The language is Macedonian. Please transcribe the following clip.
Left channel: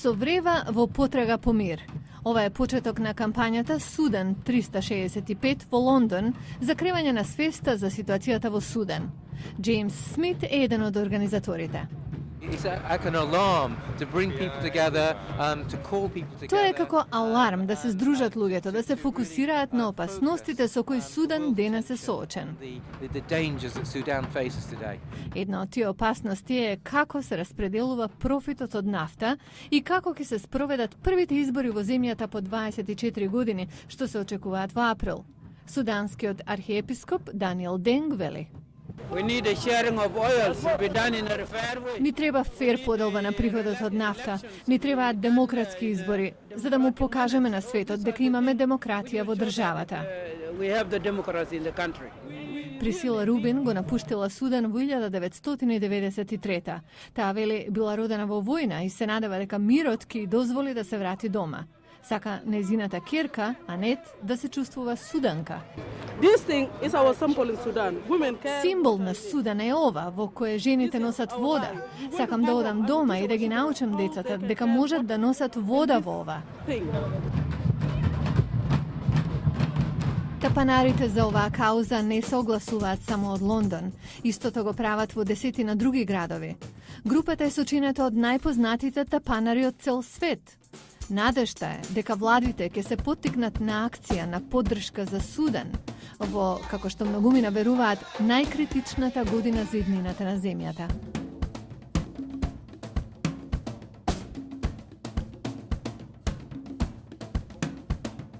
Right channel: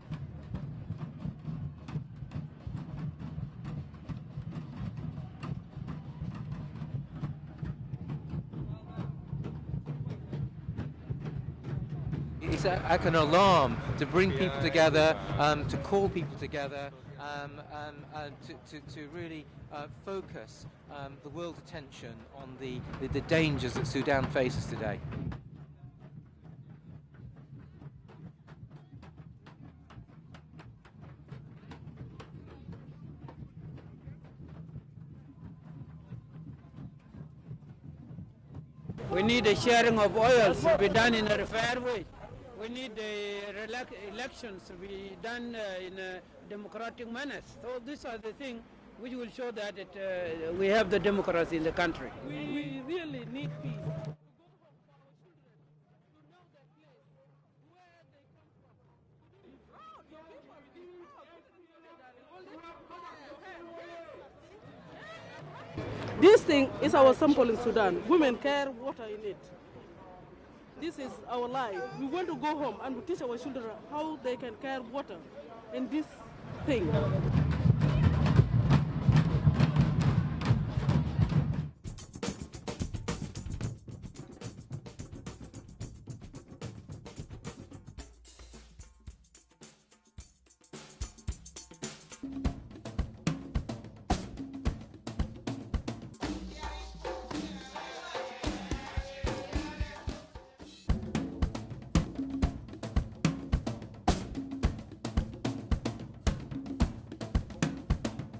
Со врева во потрага по мир. Ова е почеток на кампањата Судан 365 во Лондон за кревање на свеста за ситуацијата во Судан. Джеймс Смит е еден од организаторите. It's like an alarm to bring people together, to call people together. Тоа е како аларм да се здружат луѓето, да се фокусираат на опасностите со кои Судан денес е соочен. The dangers that Sudan faces today. Една од тие опасности е како се распределува профитот од нафта и како ќе се спроведат првите избори во земјата по 24 години, што се очекуваат во април. Суданскиот архиепископ Даниел Денг вели: We need a sharing of oils to be done in a fair way. Ни треба фер поделба на приходот од нафта. Ни требаат демократски избори, за да му покажеме на светот дека имаме демократија во државата. We have the democracy in the country. Присила Рубин го напуштила Судан во 1993. Таа вели била родена во војна и се надева дека мирот ќе дозволи да се врати дома. Сака незината керка, Анет, да се чувствува суданка. This thing is our symbol in Sudan. Women can... Символ на Судан е ова, во кое жените носат вода. Сакам да одам дома и да ги научам децата дека можат да носат вода во ова. Тапанарите за оваа кауза не се огласуваат само од Лондон. Истото го прават во десетина други градови. Групата е сочинета од најпознатите тапанари од цел свет. Надежта е дека владите ќе се поттикнат на акција на поддршка за Судан во, како што многумина веруваат, најкритичната година за иднината на земјата.